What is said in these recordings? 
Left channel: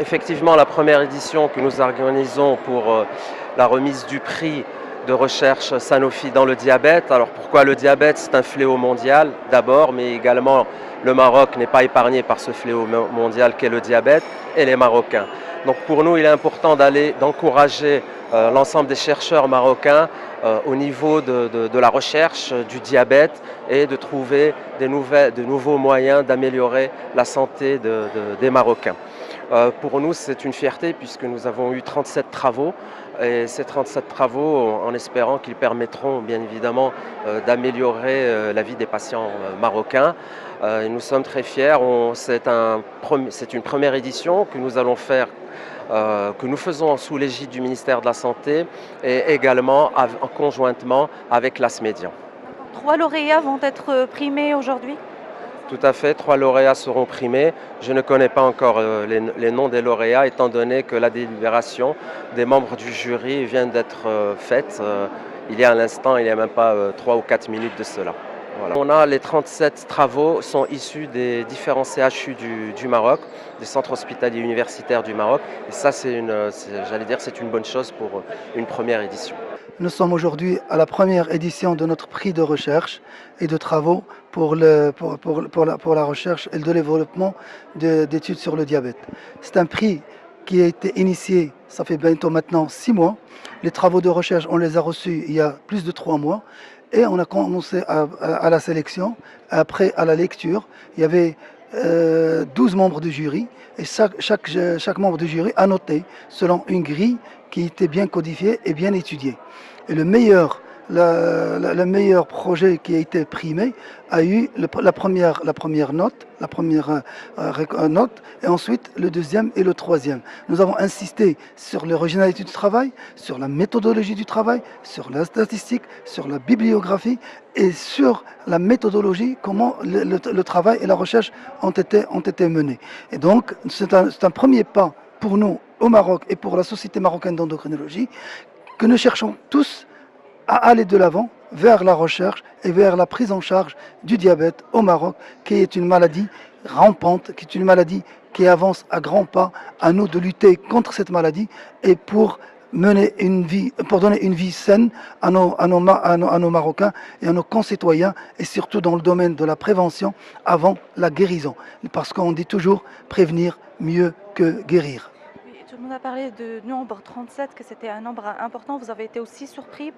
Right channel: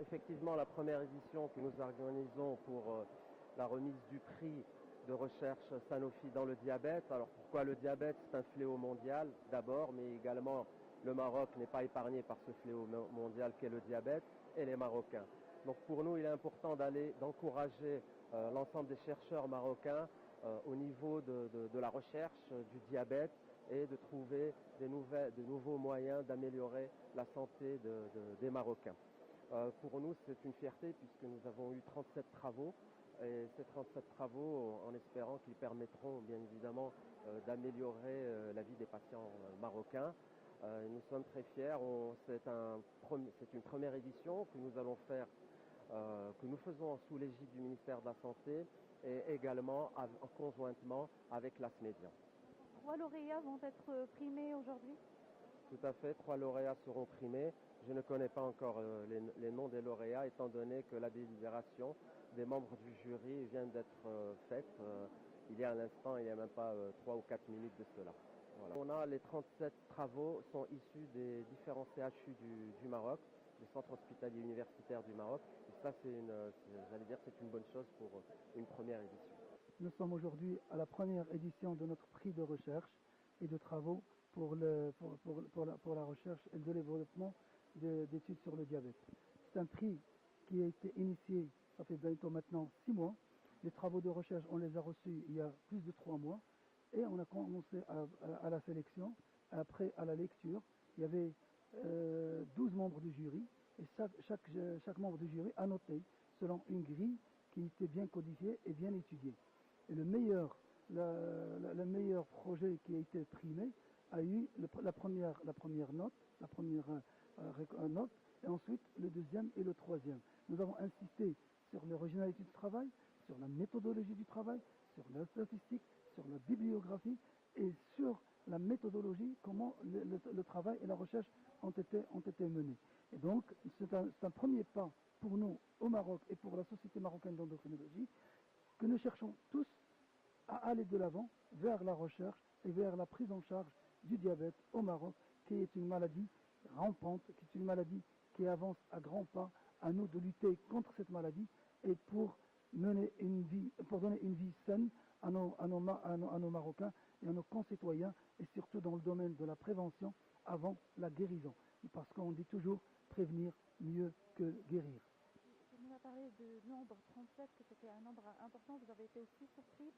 effectivement la première édition que nous organisons pour la remise du prix de recherche Sanofi dans le diabète. Alors pourquoi le diabète? C'est un fléau mondial d'abord, mais également le Maroc n'est pas épargné par ce fléau mondial qu'est le diabète, et les Marocains. Donc pour nous, il est important d'encourager l'ensemble des chercheurs marocains au niveau de la recherche du diabète et de trouver de nouveaux moyens d'améliorer la santé des Marocains. Pour nous, c'est une fierté puisque nous avons eu 37 travaux et ces 37 travaux, en espérant qu'ils permettront bien évidemment d'améliorer la vie des patients marocains. Et nous sommes très fiers. C'est une première édition que nous allons faire, que nous faisons sous l'égide du ministère de la Santé et également conjointement avec l'ASMEDIAN. 3 lauréats vont être primés aujourd'hui? Tout à fait, 3 lauréats seront primés. Je ne connais pas encore les noms des lauréats, étant donné que la délibération des membres du jury vient d'être faite il y a un instant, il n'y a même pas 3 ou 4 minutes de cela. Voilà. On a les 37 travaux sont issus des différents CHU du Maroc, des centres hospitaliers universitaires du Maroc. Et ça, j'allais dire, c'est une bonne chose pour une première édition. Nous sommes aujourd'hui à la première édition de notre prix de recherche et de travaux pour la recherche et le développement d'études sur le diabète. C'est un prix qui a été initié, ça fait bientôt maintenant 6 mois. Les travaux de recherche, on les a reçus il y a plus de 3 mois et on a commencé à la sélection, après à la lecture. Il y avait 12 membres du jury et chaque membre du jury a noté selon une grille qui était bien codifiée et bien étudiée. Et le meilleur projet qui a été primé a eu la première note, et ensuite le deuxième et le troisième. Nous avons insisté sur l'originalité du travail, sur la méthodologie du travail, sur la statistique, sur la bibliographie et sur la méthodologie, comment le travail et la recherche ont été menés. Et donc c'est un premier pas pour nous au Maroc et pour la Société marocaine d'endocrinologie, que nous cherchons tous à aller de l'avant vers la recherche et vers la prise en charge du diabète au Maroc, qui est une maladie rampante, qui est une maladie qui avance à grands pas. À nous de lutter contre cette maladie et pour donner une vie saine à nos Marocains et à nos concitoyens, et surtout dans le domaine de la prévention avant la guérison. Parce qu'on dit toujours prévenir mieux que guérir. Tout le monde a parlé de nombre 37, que c'était un nombre important. Vous avez été aussi surpris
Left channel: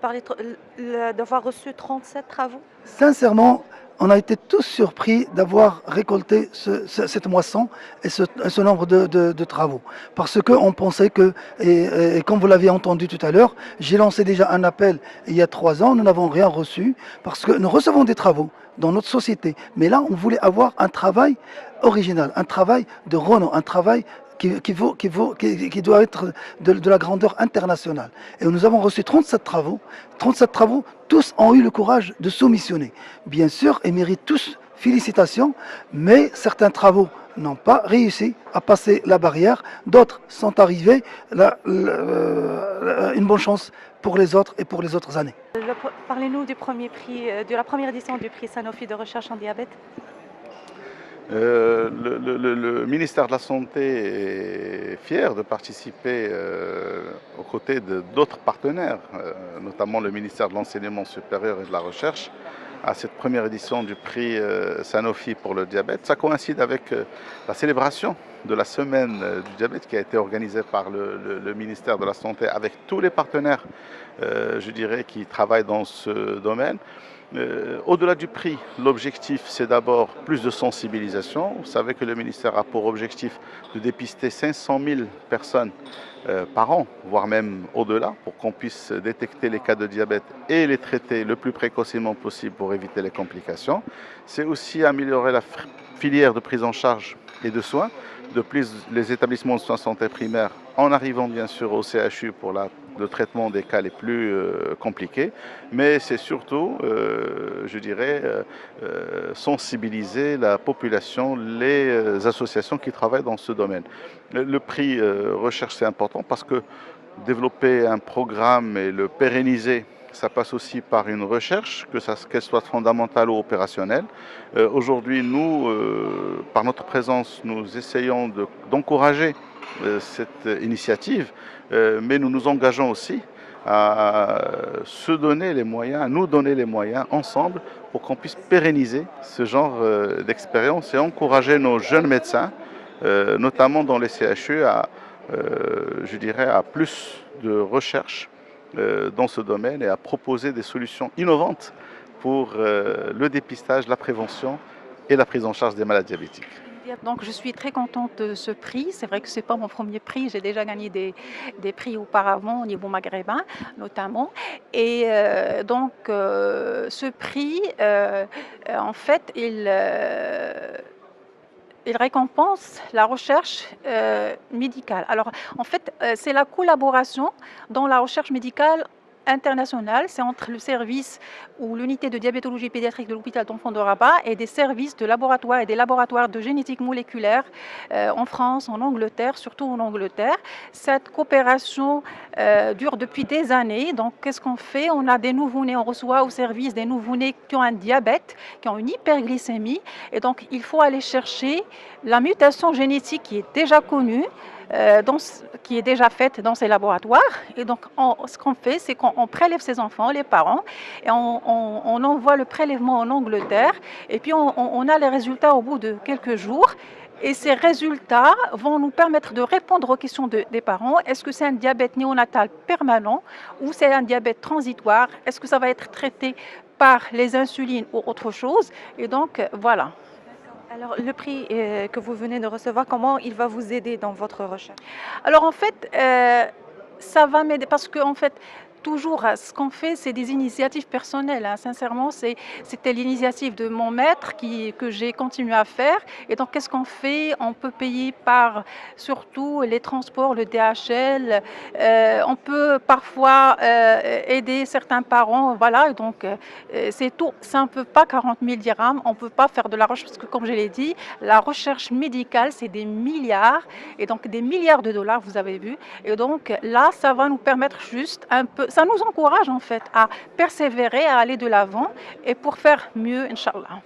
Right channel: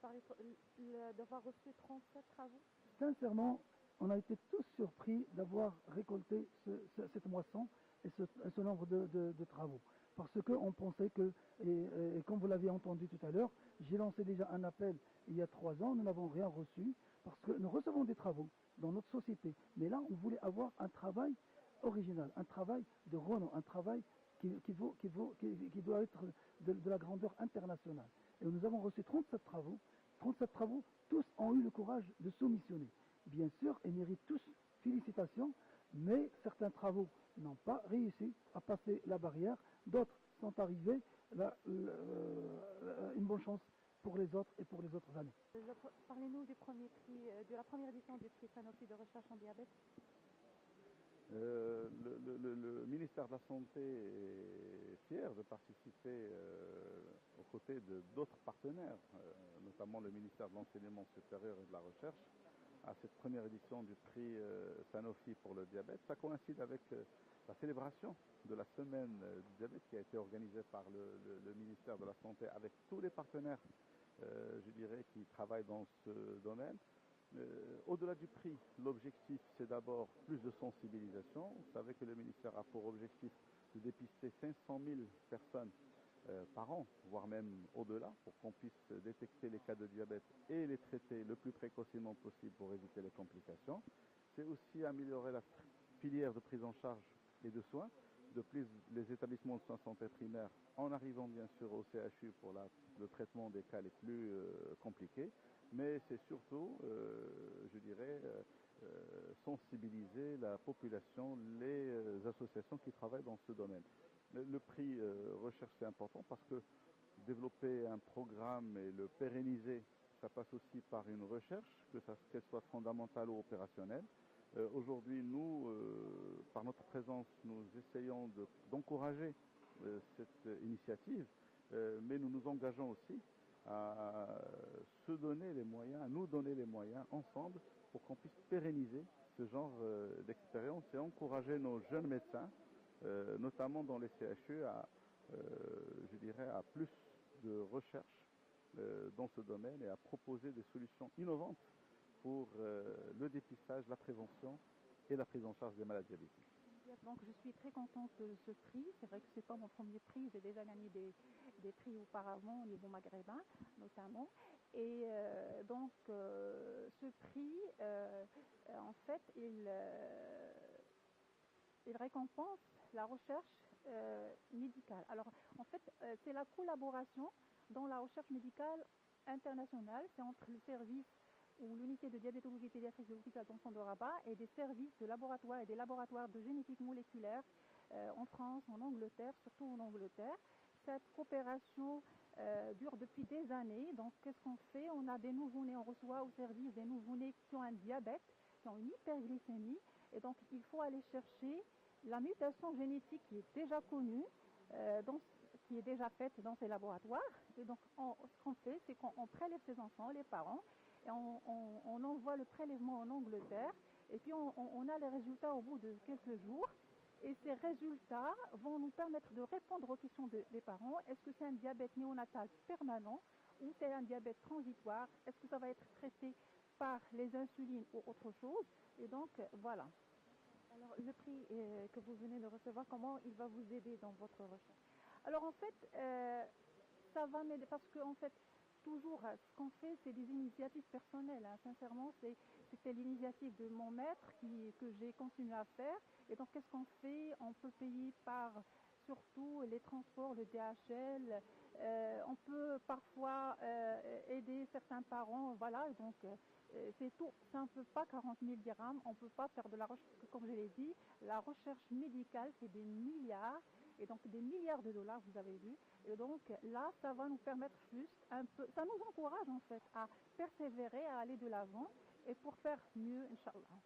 d'avoir reçu 37 travaux? Sincèrement, on a été tous surpris d'avoir récolté cette moisson et ce nombre de travaux. Parce qu'on pensait que, et comme vous l'avez entendu tout à l'heure, j'ai lancé déjà un appel il y a 3 ans, nous n'avons rien reçu, parce que nous recevons des travaux dans notre société. Mais là, on voulait avoir un travail original, un travail de renom, un travail qui doit être de la grandeur internationale. Et nous avons reçu 37 travaux. 37 travaux, tous ont eu le courage de soumissionner. Bien sûr, ils méritent tous félicitations, mais certains travaux n'ont pas réussi à passer la barrière. D'autres sont arrivés. Une bonne chance pour les autres et pour les autres années. Parlez-nous du premier prix, de la première édition du prix Sanofi de recherche en diabète. Le ministère de la Santé est fier de participer aux côtés d'autres partenaires, notamment le ministère de l'Enseignement supérieur et de la Recherche, à cette première édition du prix Sanofi pour le diabète. Ça coïncide avec la célébration de la semaine du diabète qui a été organisée par le ministère de la Santé avec tous les partenaires, je dirais, qui travaillent dans ce domaine. Au-delà du prix, l'objectif, c'est d'abord plus de sensibilisation. Vous savez que le ministère a pour objectif de dépister 500 000 personnes par an, voire même au-delà, pour qu'on puisse détecter les cas de diabète et les traiter le plus précocement possible pour éviter les complications. C'est aussi améliorer la filière de prise en charge et de soins. De plus, les établissements de soins de santé primaires, en arrivant bien sûr au CHU pour le traitement des cas les plus compliqués, mais c'est surtout, je dirais, sensibiliser la population, les associations qui travaillent dans ce domaine. Le prix recherche, c'est important parce que développer un programme et le pérenniser ça passe aussi par une recherche, qu'elle soit fondamentale ou opérationnelle. Aujourd'hui, nous, par notre présence, nous essayons d'encourager cette initiative, mais nous nous engageons aussi à se donner les moyens, à nous donner les moyens ensemble pour qu'on puisse pérenniser ce genre d'expérience et encourager nos jeunes médecins, notamment dans les CHU, je dirais, à plus de recherche dans ce domaine et à proposer des solutions innovantes pour le dépistage, la prévention et la prise en charge des maladies diabétiques. Donc, je suis très contente de ce prix. C'est vrai que ce n'est pas mon premier prix. J'ai déjà gagné des prix auparavant au niveau maghrébin, notamment. Et ce prix, en fait, il récompense la recherche médicale. Alors, en fait, c'est la collaboration dans la recherche médicale internationale. C'est entre le service ou l'unité de diabétologie pédiatrique de l'hôpital d'enfants de Rabat et des services de laboratoire et des laboratoires de génétique moléculaire en France, en Angleterre, surtout en Angleterre. Cette coopération dure depuis des années. Donc, qu'est-ce qu'on fait? On a des nouveau-nés, on reçoit au service des nouveau-nés qui ont un diabète, qui ont une hyperglycémie. Et donc, il faut aller chercher la mutation génétique qui est déjà connue, qui est déjà faite dans ces laboratoires. Et donc, ce qu'on fait, c'est qu'on prélève ces enfants, les parents, et on envoie le prélèvement en Angleterre. Et puis, on a les résultats au bout de quelques jours. Et ces résultats vont nous permettre de répondre aux questions des parents. Est-ce que c'est un diabète néonatal permanent ou c'est un diabète transitoire? Est-ce que ça va être traité par les insulines ou autre chose? Et donc, voilà. Alors, le prix que vous venez de recevoir, comment il va vous aider dans votre recherche? Alors, en fait, ça va m'aider parce qu'en fait, toujours, ce qu'on fait, c'est des initiatives personnelles, hein. Sincèrement, c'était l'initiative de mon maître que j'ai continué à faire. Et donc, qu'est-ce qu'on fait? On peut payer par surtout les transports, le DHL. On peut parfois aider certains parents. Voilà, et donc, c'est tout. Ça ne peut pas 40 000 dirhams. On ne peut pas faire de la recherche parce que, comme je l'ai dit, la recherche médicale, c'est des milliards. Et donc, des milliards de dollars, vous avez vu. Et donc, là, ça va nous permettre juste un peu. Ça nous encourage en fait à persévérer, à aller de l'avant et pour faire mieux, Inch'Allah.